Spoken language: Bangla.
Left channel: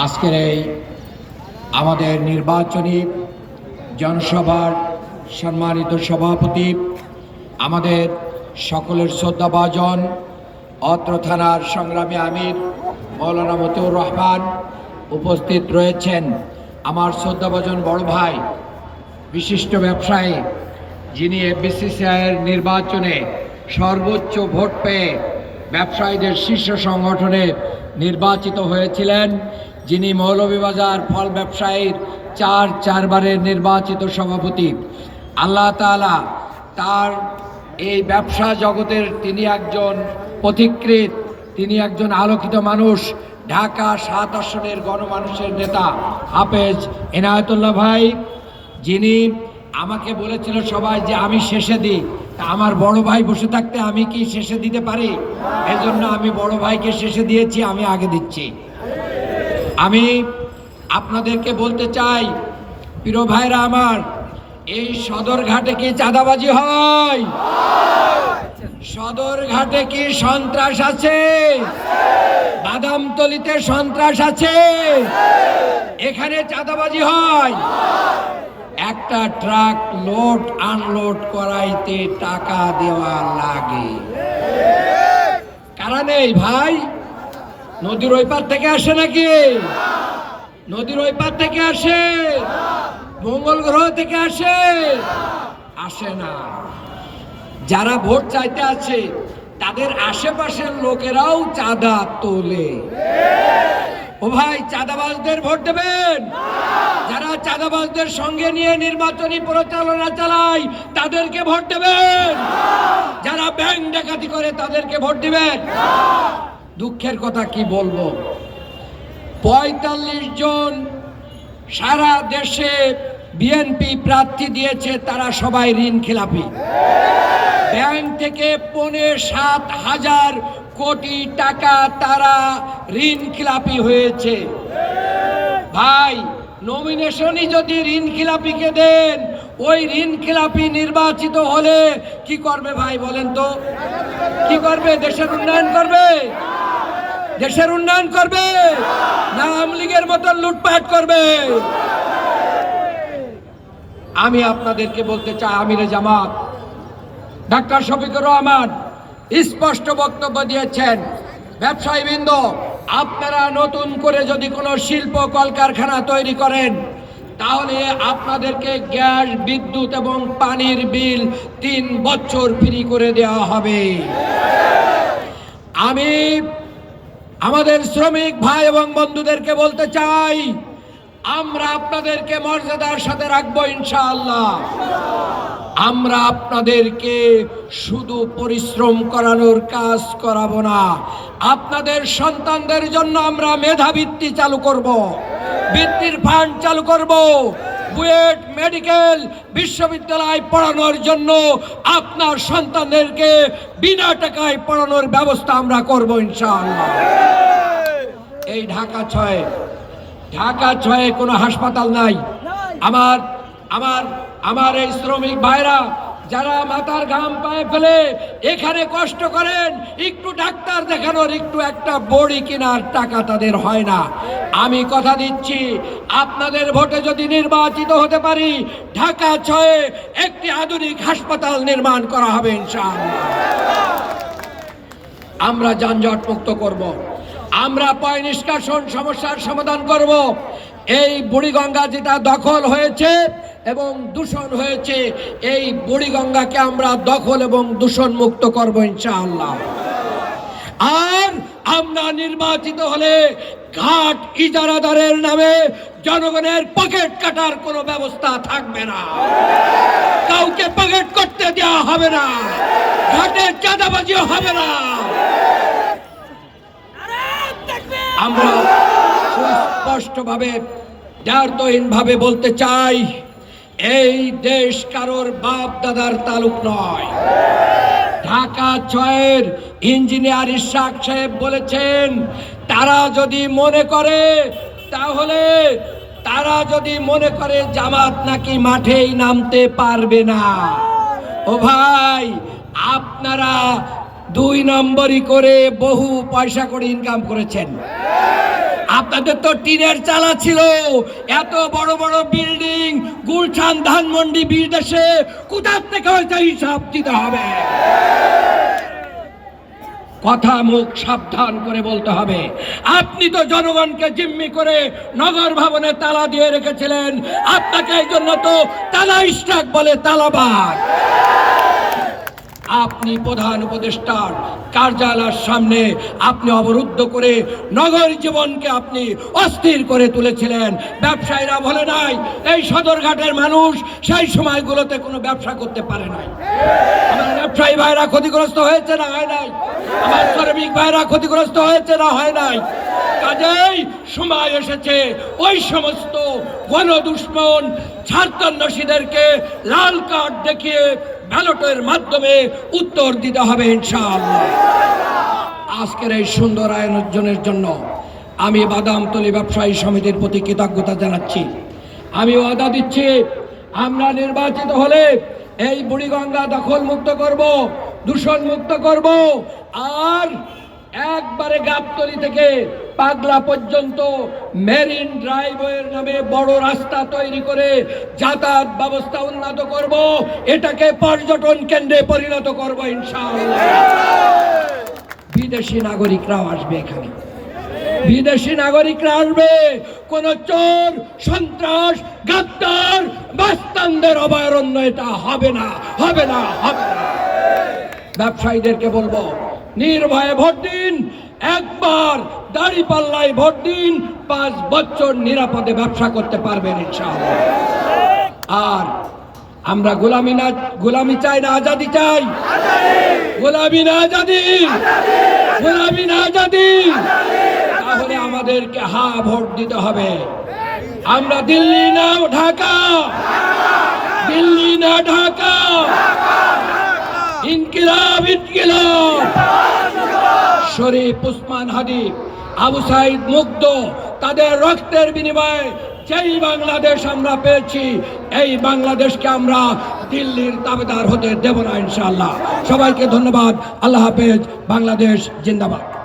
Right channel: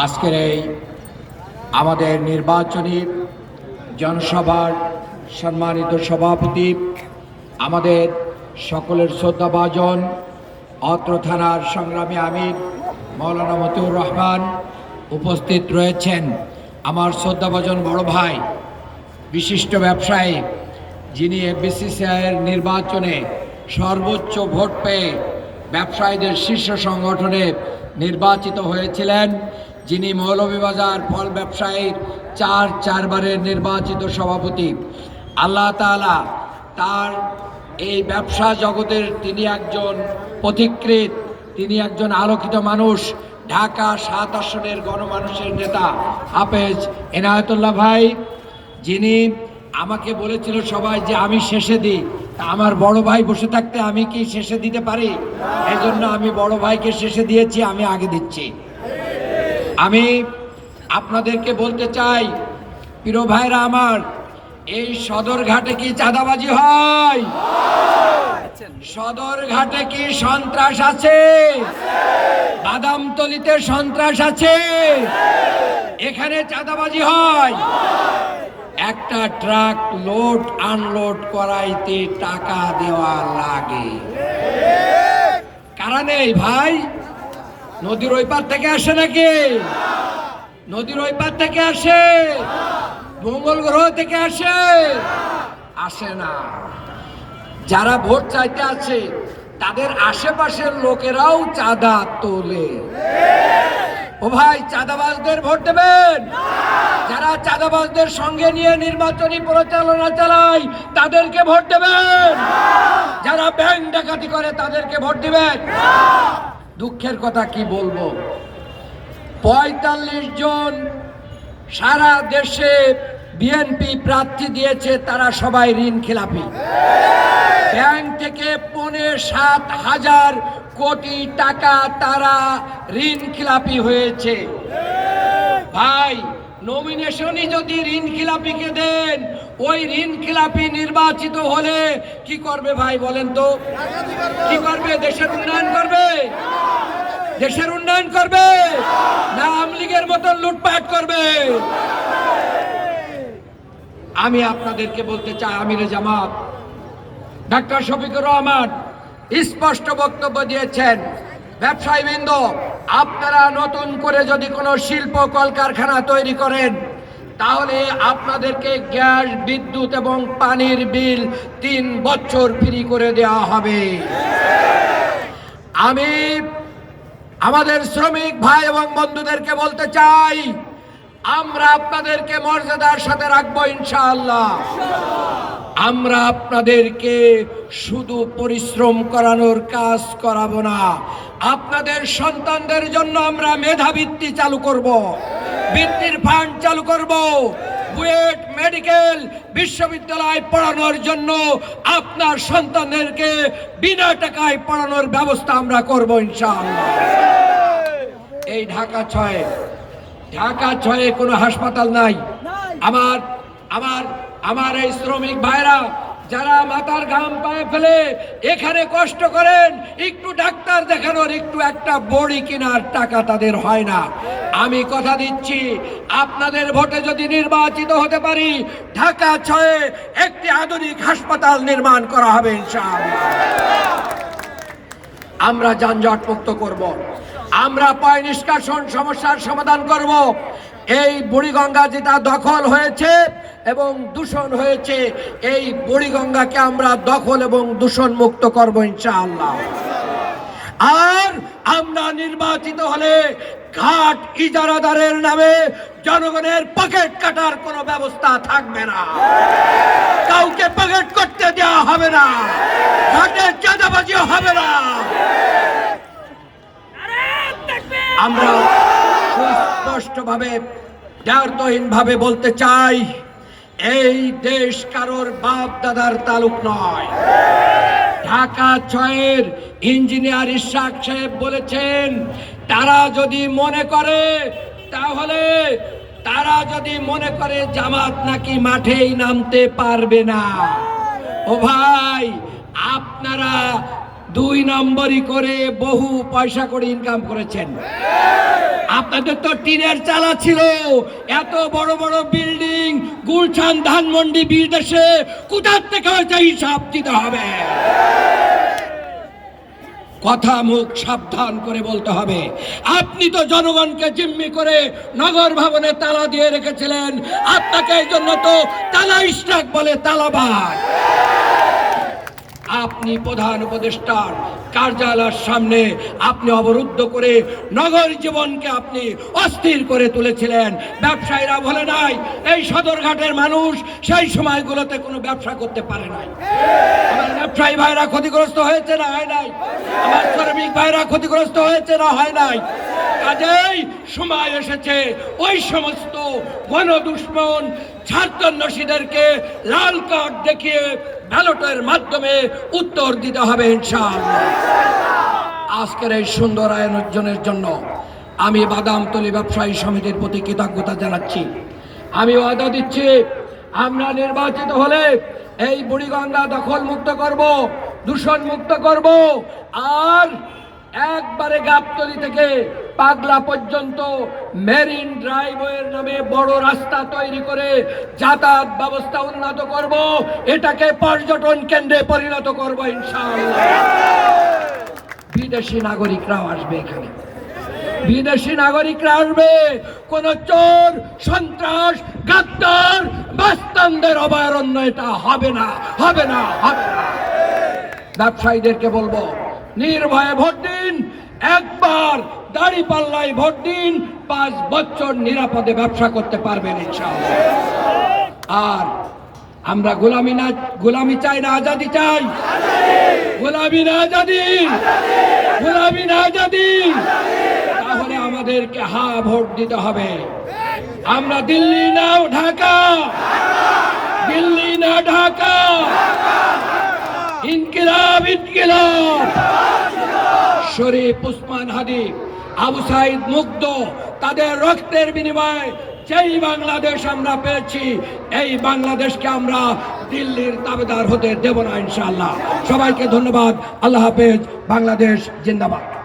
আজকের এই আমাদের নির্বাচনী জনসভার সম্মানিত সভাপতি, আমাদের সকলের শ্রদ্ধাভাজন, অত্র থানার সংগ্রামী আমির মৌলানা মতিউর রহমান উপস্থিত রয়েছেন। আমার শ্রদ্ধাভাজন বড় ভাই, বিশিষ্ট ব্যবসায়ী, যিনি বিসিসিআইয়ের নির্বাচনে সর্বোচ্চ ভোট পেয়ে ব্যবসায়ীদের শীর্ষ সংগঠনে নির্বাচিত হয়েছিলেন। যিনি মৌলভীবাজার ফল ব্যবসায়ীর চার চারবারের নির্বাচিত সভাপতি। আল্লাহ তাআলা তার এই ব্যবসা জগতের তিনি একজন পথিকৃত তিনি একজন আলোকিত মানুষ, ঢাকা সাত আসনের গণমানুষের নেতা। হাফেজ এনায়তুল্লাহ ভাই, যিনি আমাকে বলেছিল সবাই যে আমি শেষে দিই। আমার বড় ভাই বসে থাকতে আমি কি শেষে দিতে পারি? এই জন্য আমি বড় ভাইকে শেষে দিয়েছি, আমি আগে দিচ্ছি। আমি আপনাদেরকে বলতে চাই, প্রিয় ভাইরা আমার, এই সদরঘাটে কি চাঁদাবাজি হয়? সদরঘাটে কি সন্ত্রাস আছে? বাদামতলিতে সন্ত্রাস আছে? এখানে চাঁদাবাজি হয়। একটা ট্রাক লোড, আনলোড করাইতে টাকা দেওয়া লাগে। কারা নেই ভাই? নদীর ওই পার থেকে আসে নাকি? নদীর ওই পার থেকে আসে? মঙ্গল গ্রহ থেকে আসে? আসে না। যারা ভোট চাইতে আছে, তাদের আশেপাশের লোকেরাও চাঁদা তোলে। ও ভাই, চাঁদাবাজদের ভোট দেবেন? যারা চাঁদাবাজদের সঙ্গে নিয়ে নির্বাচনী পরিচালনা চালায়, তাদেরকে ভোট দেবেন? যারা ব্যাংক ডাকাতি করে, তাদেরকে ভোট দিবেন? দুঃখের কথা কি বলব? পঁয়তাল্লিশ জন সারা দেশে বিএনপি প্রার্থী দিয়েছে, তারা সবাই ঋণ খেলাপি। ব্যাংক থেকে পৌনে সাত হাজার কোটি টাকা তারা ঋণ খিলাপি হয়েছে। ভাই নমিনেশনই যদি ঋণ খিলাপিকে দেন, ওই ঋণ খিলাপি নির্বাচিত হলে কি করবে ভাই বলেন তো? কি করবে? দেশের উন্নয়ন করবে? দেশের উন্নয়ন করবে। না, আওয়ামী লীগের মতন লুটপাট করবে। আমি আপনাদেরকে বলতে চাই, আমিরে জামাত, ডাক্তার শফিকুর রহমান স্পষ্ট বক্তব্য দিয়েছেন, ব্যবসায়ীবৃন্দ, আপনারা নতুন করে যদি কোনো শিল্প কলকারখানা তৈরি করেন, তাহলে আপনাদেরকে গ্যাস, বিদ্যুৎ এবং পানির বিল তিন বছর ফ্রি করে দেওয়া হবে। আমি আমাদের শ্রমিক ভাই এবং বন্ধুদেরকে বলতে চাই, আমরা আপনাদেরকে মর্যাদার সাথে রাখব ইনশাআল্লাহ। আমরা আপনাদেরকে শুধু পরিশ্রম করানোর কাজ করাবো না, আপনাদের সন্তানদের জন্য আমরা মেধাবৃত্তি চালু করব, বৃত্তির ফান্ড চালু করব বুয়েট মেডিকেল বিশ্ববিদ্যালয় পড়ানোর জন্য আপনার সন্তানদেরকে বিনা টাকায় পড়ানোর ব্যবস্থা আমরা করব ইনশাআল্লাহ। এই ঢাকা ছয় ঢাকা ছয়ে কোনো হাসপাতাল নাই। আমার আমার আমার এই শ্রমিক ভাইরা যারা মাথার ঘাম পায়ে ফেলে, এখানে কষ্ট করেন, একটু ডাক্তার দেখানোর একটু একটা বড়ি কেনার টাকা তাদের হয় না আমি কথা দিচ্ছি, আপনাদের ভোটে যদি নির্বাচিত হতে পারি, ঢাকা ছয়ে একটি আধুনিক হাসপাতাল নির্মাণ করা হবে আমরা যানজট মুক্ত করব। আমরা পয় নিষ্কাশন সমস্যার সমাধান করব। এই বুড়িগঙ্গা যেটা দখল হয়েছে এবং দূষণ হয়েছে এই বুড়িগঙ্গাকে আমরা দখল এবং দূষণ মুক্ত করব ইনশাআল্লাহ। আর আমরা নির্বাচিত হলে ঘাট ইজারাদারের নামে জনগণের পকেট কাটার কোনো ব্যবস্থা থাকবে না। কাউকে পকেট করতে দেওয়া হবে না। ঘাটে চাঁদাবাজি হবে না। আমরা সুস্পষ্টভাবে দ্বার্থহীন ভাবে বলতে চাই, এই দেশ কারোর বাপ দাদার তালুক নয়। ঢাকা ছয়ের ইঞ্জিনিয়ার ইশাক সাহেব বলেছেন, তারা যদি মনে করে, তাহলে তারা যদি মনে করে জামাত নাকি মাঠেই নামতে পারবে না। ও ভাই, আপনারা দুই নম্বরই করে বহু পয়সা করে ইনকাম করেছেন। আপনাদের তো টিনের চালা ছিল। এত বড় বড় বিল্ডিং গুলশান ধানমন্ডি বিদেশে কোথার থেকে হয়তো হিসাব দিতে হবে? কথা মুখ সাবধান করে বলতে হবে। আপনি তো জনগণকে জিম্মি করে নগর ভবনে তালা দিয়ে রেখেছিলেন। আপনাকে এই জন্য তো তালা ইস্টাক বলে তালাবাদ আপনি প্রধান উপদেষ্টার কার্যালয়ের সামনে আপনি অবরুদ্ধ করে নগর জীবনকে আপনি অস্থির করে তুলেছিলেন। ব্যবসায়ীরা বলে নাই, এই সদরঘাটের মানুষ সেই সময়গুলোতে কোনো ব্যবসা করতে পারে নাই। ব্যবসায়ী ভাইরা ক্ষতিগ্রস্ত হয়েছে না হয় নাই? আমার শ্রমিক ভাইরা ক্ষতিগ্রস্ত হয়েছে না হয় নাই? কাজেই সময় এসেছে, ওই সমস্ত গণদুশ্মন ছাত্রন্যাসীদেরকে লাল কার্ড দেখিয়ে ব্যালটের মাধ্যমে উত্তর দিতে হবে ইনশাআল্লাহ। আজকের এই সুন্দর আয়োজনের জন্য আমি বাদামতলি ব্যবসায়ী সমিতির প্রতি কৃতজ্ঞতা জানাচ্ছি। আমি ওয়াদা দিচ্ছি, আমরা নির্বাচিত হলে এই বুড়িগঙ্গা দখল মুক্ত করব দূষণ মুক্ত করব, আর একবারে গাবতলি থেকে পাগলা পর্যন্ত মেরিন ড্রাইভওয়ের নামে বড় রাস্তা তৈরি করে যাতায়াত ব্যবস্থা উন্নত করব। এটাকে পর্যটন কেন্দ্রে পরিণত করব ইনশাআল্লাহ। বিদেশি নাগরিকরাও আসবে এখানে। বিদেশি নাগরিকরা আসবে, কোন চোর, সন্ত্রাস, গাদ্দার বাস্তানদের অভয়ারণ্য এটা হবে না হবে না হবে না। ব্যবসায়ীদেরকে বলব, নির্ভয়ে ভোট দিন, একবার দাড়ি পাল্লায় ভোট দিন, পাঁচ বছর নিরাপদে ব্যবসা করতে পারবেন ইনশাআল্লাহ। আর আমরা গোলামি না, গোলামি চাই না, আজাদি চাই। গোলামি না, আজাদি। গোলামি না, আজাদি। তাহলে আমাদেরকে হা ভোট দিতে হবে। আমরা দিল্লি না, ঢাকা। দিল্লি না, ঢাকা। ইনকিলাব ইনকিলাব। শরীফ উসমান হাদি আবু সাইদ মুগ্ধ। তাদের রক্তের বিনিময়ে যেই বাংলাদেশ আমরা পেয়েছি, এই বাংলাদেশকে আমরা দিল্লির দাবেদার হতে দেব না ইনশাল্লাহ সবাইকে ধন্যবাদ। আল্লাহ হাফেজ। বাংলাদেশ জিন্দাবাদ।